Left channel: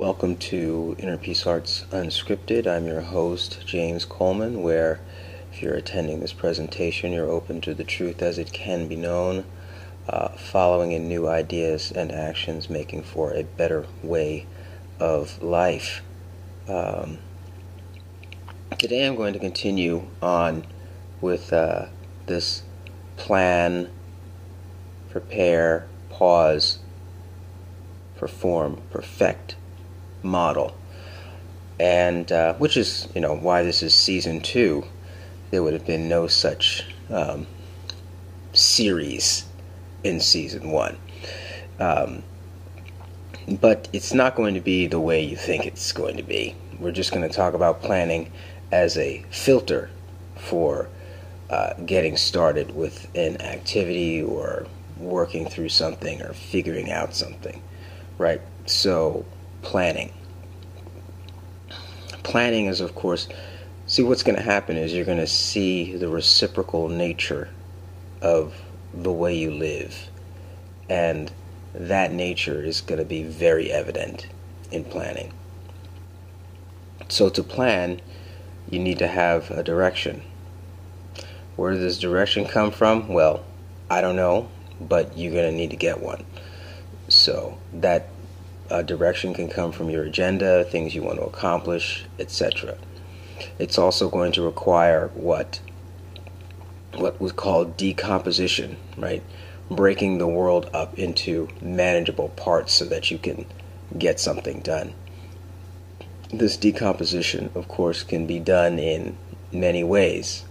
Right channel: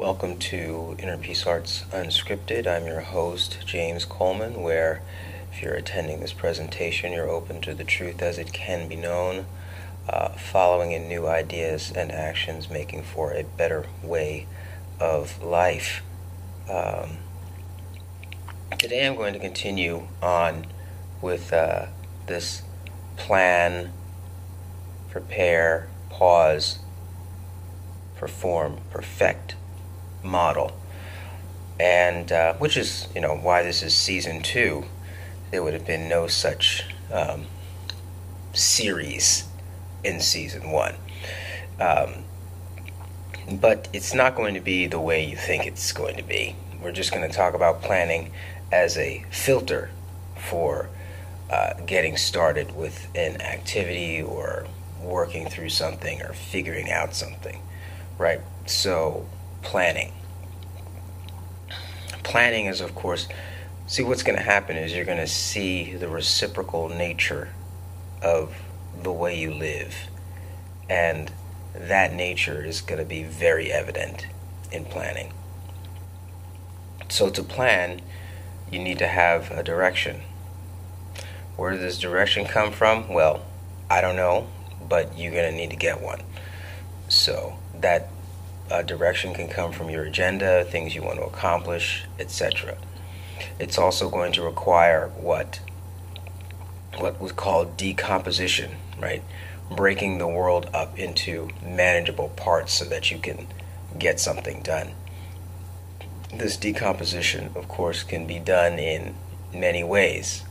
Welcome to Inner Peace Arts Unscripted. I'm your host, James Coleman, where if you're attending this presentation, you're open to the truth as it can be known, following in new ideas and actions, making for a better way of life. Today I'm going to continue on with this plan, prepare, pause, perform, perfect model, and which is why this is season 2. There would have been no such series in season 1, but it's not going to be the way you think it's going to be. We're just going to talk about planning as a filter for getting started with an activity or working through something or figuring out something, right? So planning is, of course, see, what's going to happen is you're going to see the reciprocal nature of the way you live, and that nature is going to be very evident in planning. So to plan, you need to have a direction. Where does this direction come from? Well, I don't know, but you're going to need to get one. So that direction can come from your agenda, things you want to accomplish, etc. It's also going to require what was called decomposition, right? Breaking the world up into manageable parts so that you can get something done. This decomposition, of course, can be done in many ways,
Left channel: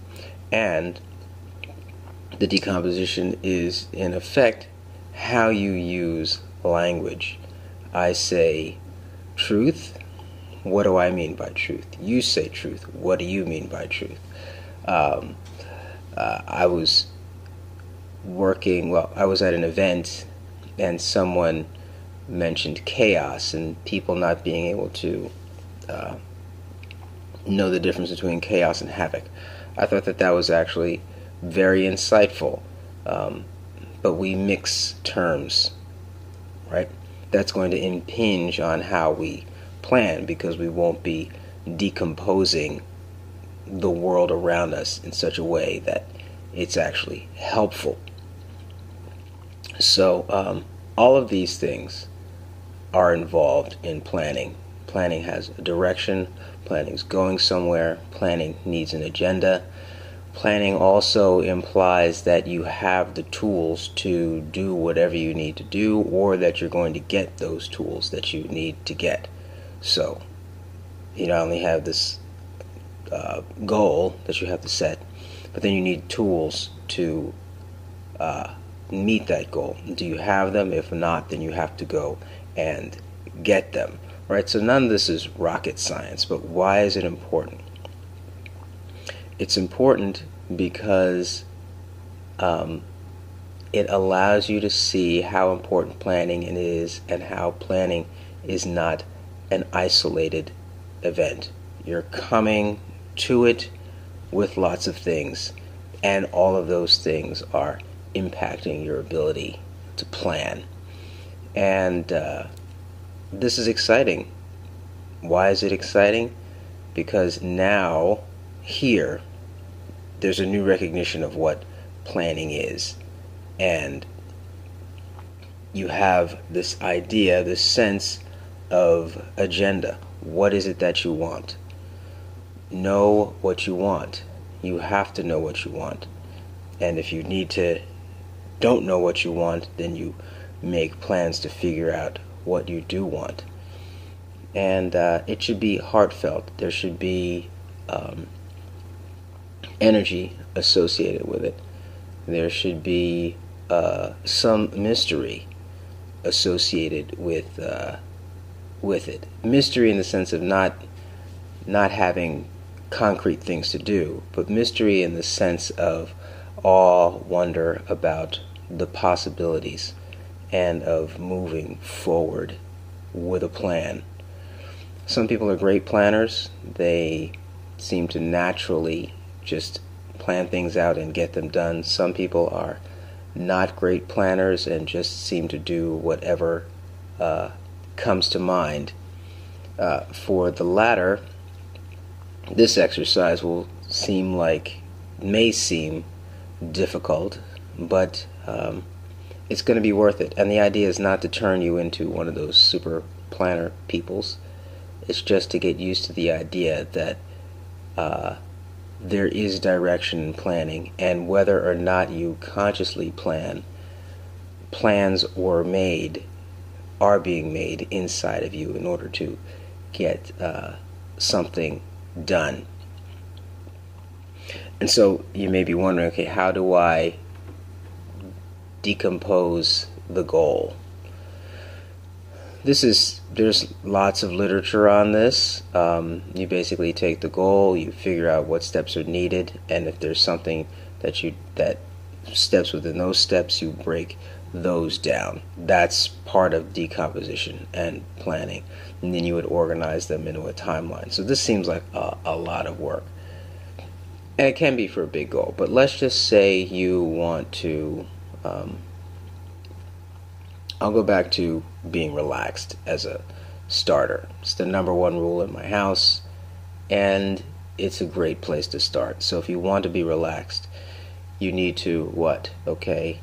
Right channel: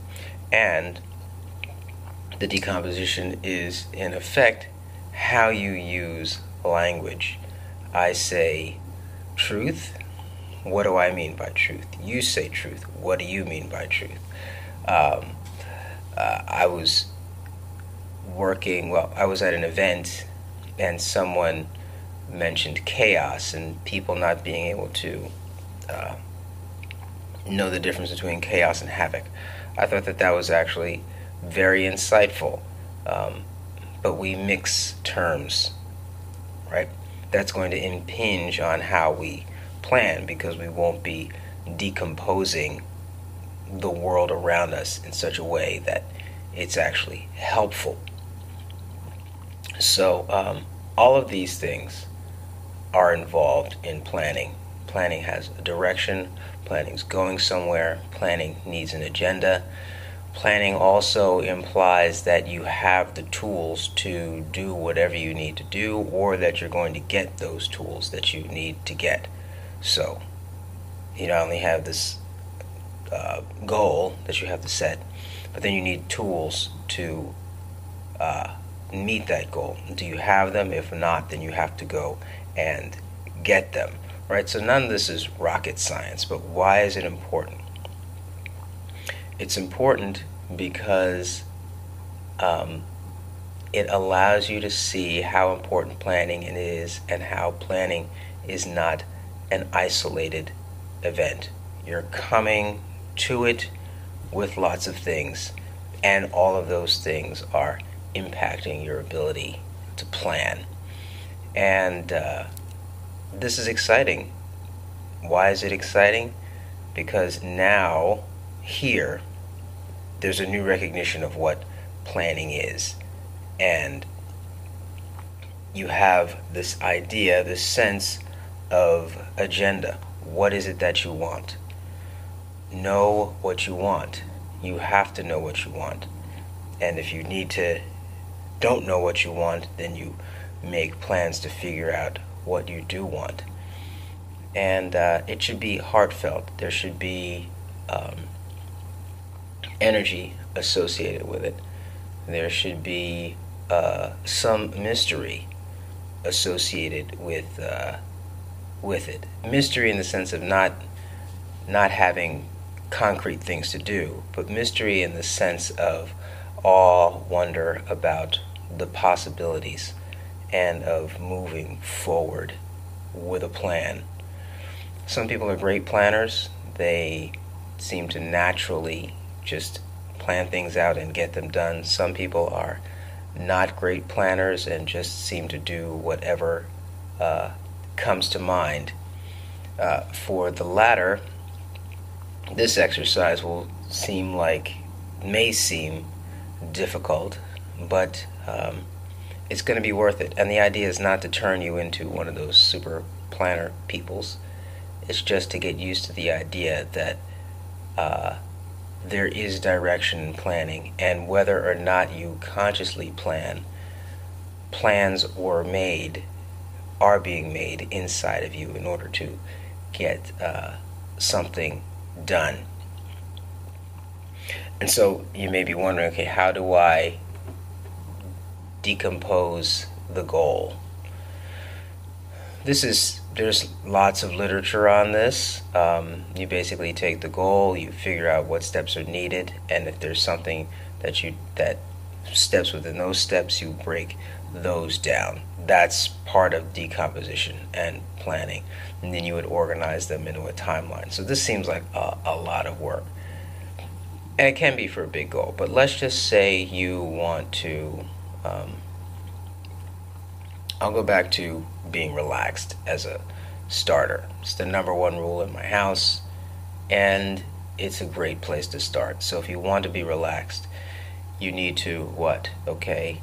and the decomposition is, in effect, how you use language. I say truth. What do I mean by truth? You say truth. What do you mean by truth? I was at an event and someone mentioned chaos and people not being able to know the difference between chaos and havoc. I thought that was actually very insightful, but we mix terms, right? That's going to impinge on how we plan, because we won't be decomposing the world around us in such a way that it's actually helpful. So all of these things are involved in planning. Planning has a direction. Planning's going somewhere. Planning needs an agenda. Planning also implies that you have the tools to do whatever you need to do, or that you're going to get those tools that you need to get. So you not only have this goal that you have to set, but then you need tools to meet that goal. Do you have them? If not, then you have to go and get them. Right? So none of this is rocket science, but why is it important? It's important because it allows you to see how important planning is, and how planning is not an isolated event. You're coming to it with lots of things, and all of those things are impacting your ability to plan. And this is exciting. Why is it exciting? Because now, here, there's a new recognition of what planning is. And you have this idea, this sense of agenda. What is it that you want? Know what you want. You have to know what you want. And if you don't know what you want, then you make plans to figure out what you do want. And it should be heartfelt. There should be energy associated with it. There should be some mystery associated with it. Mystery in the sense of not having concrete things to do, but mystery in the sense of awe, wonder about the possibilities, and of moving forward with a plan. Some people are great planners. They seem to naturally just plan things out and get them done. Some people are not great planners and just seem to do whatever comes to mind. For the latter, this exercise may seem difficult, but it's going to be worth it. And the idea is not to turn you into one of those super planner peoples. It's just to get used to the idea that there is direction in planning, and whether or not you consciously plan, plans are being made inside of you in order to get something done. And so you may be wondering, okay, how do I decompose the goal? There's lots of literature on this. You basically take the goal, you figure out what steps are needed, and if there's something that steps within those steps, you break those down. That's part of decomposition and planning, and then you would organize them into a timeline. So this seems like a lot of work, and it can be for a big goal. But let's just say you want to I'll go back to being relaxed as a starter. It's the number one rule in my house, and it's a great place to start. So if you want to be relaxed, you need to what? Okay,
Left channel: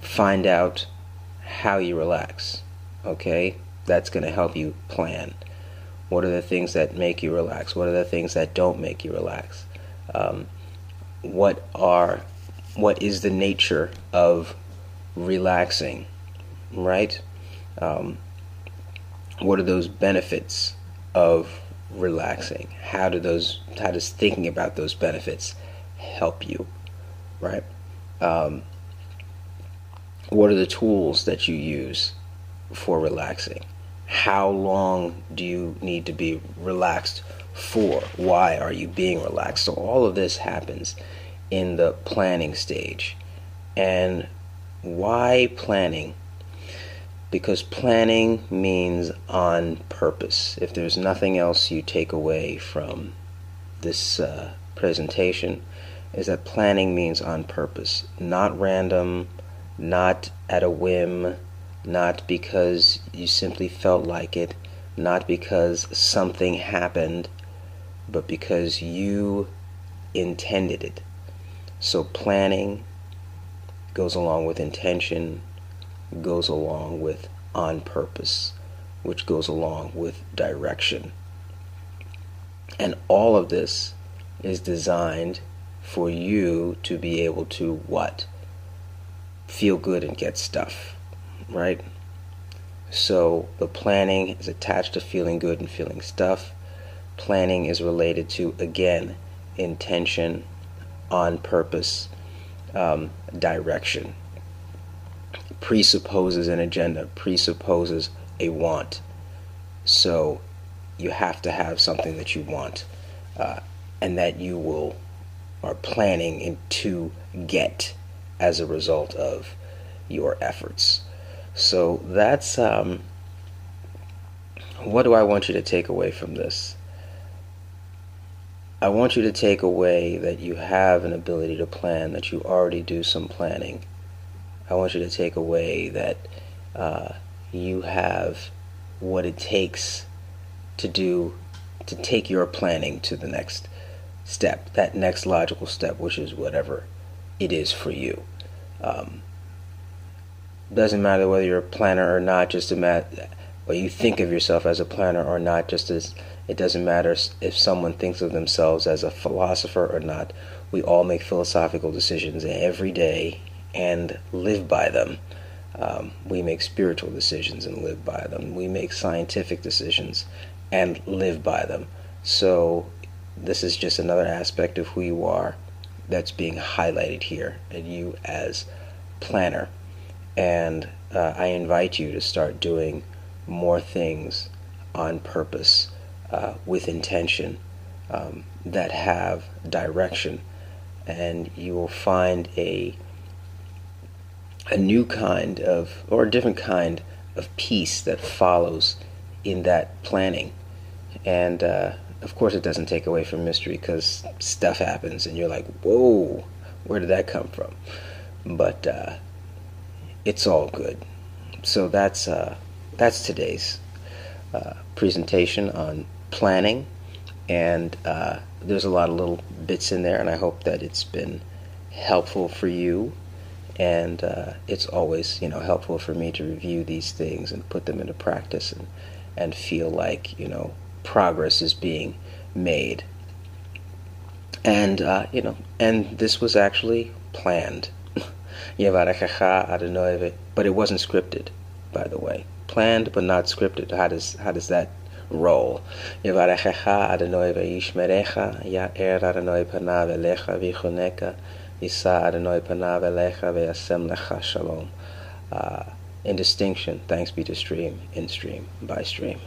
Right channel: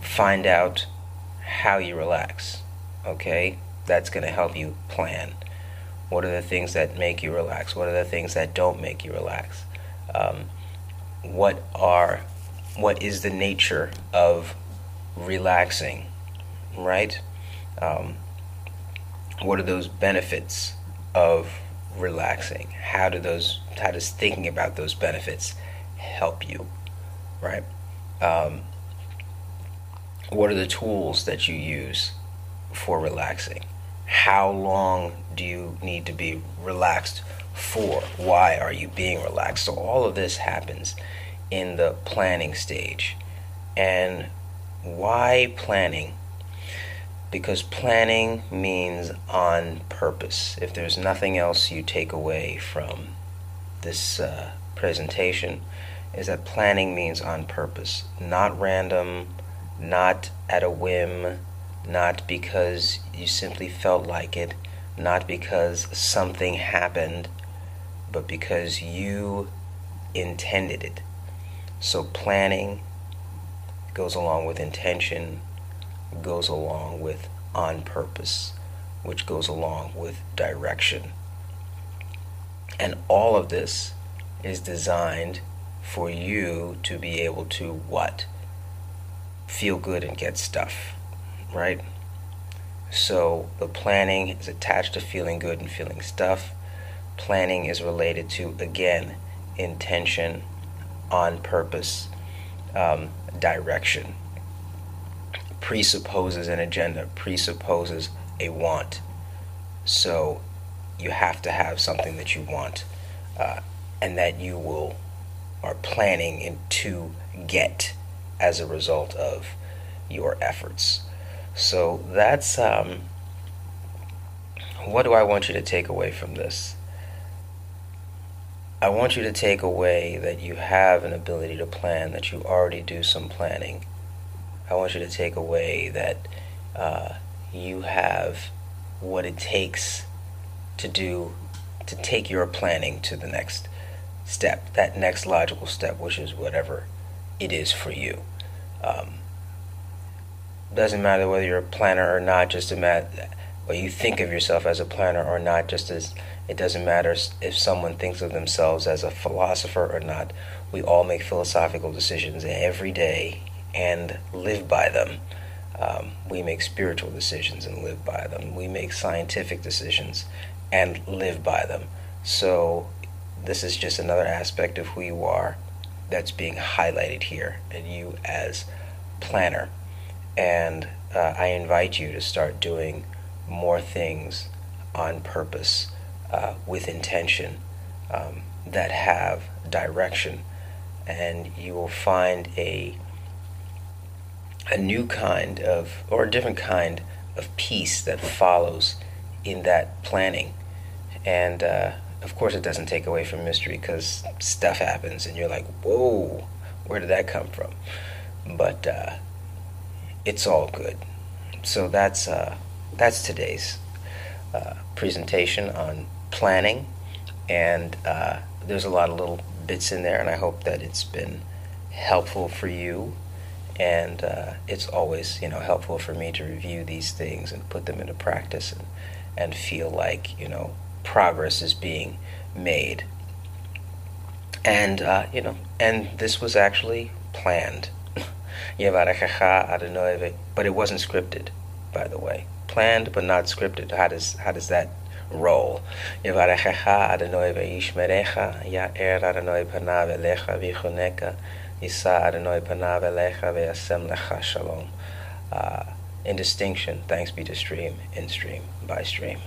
find out how you relax. Okay, that's going to help you plan. What are the things that make you relax? What are the things that don't make you relax? What is the nature of relaxing? Right? What are those benefits of relaxing? How does thinking about those benefits help you? Right? What are the tools that you use for relaxing? How long do you need to be relaxed for? Why are you being relaxed? So all of this happens in the planning stage. And why planning? Because planning means on purpose. If there's nothing else you take away from this presentation, is that planning means on purpose. Not random, not at a whim, not because you simply felt like it, not because something happened, but because you intended it. So planning goes along with intention, goes along with on purpose, which goes along with direction. And all of this is designed for you to be able to what? Feel good and get stuff, right? So the planning is attached to feeling good and feeling stuff. Planning is related to, again, intention, on purpose, direction. Presupposes an agenda, presupposes a want. So you have to have something that you want, and that you are planning to get as a result of your efforts. So that's what do I want you to take away from this? I want you to take away that you have an ability to plan, that you already do some planning. I want you to take away that you have what it takes to take your planning to the next step, that next logical step, which is whatever it is for you. Doesn't matter whether you're a planner or not, or you think of yourself as a planner or not, just as it doesn't matter if someone thinks of themselves as a philosopher or not. We all make philosophical decisions every day and live by them. We make spiritual decisions and live by them. We make scientific decisions and live by them. So this is just another aspect of who you are that's being highlighted here, and you as planner. And I invite you to start doing more things on purpose, with intention, that have direction, and you will find a new kind of, or a different kind of peace that follows in that planning. And of course it doesn't take away from mystery, because stuff happens and you're like, whoa, where did that come from? But it's all good. So that's today's presentation on planning, and there's a lot of little bits in there, and I hope that it's been helpful for you. And it's always, helpful for me to review these things and put them into practice, and feel like, progress is being made. And, and this was actually planned. But it wasn't scripted, by the way. Planned but not scripted. How does that roll? In distinction, thanks be to stream, in stream, by stream.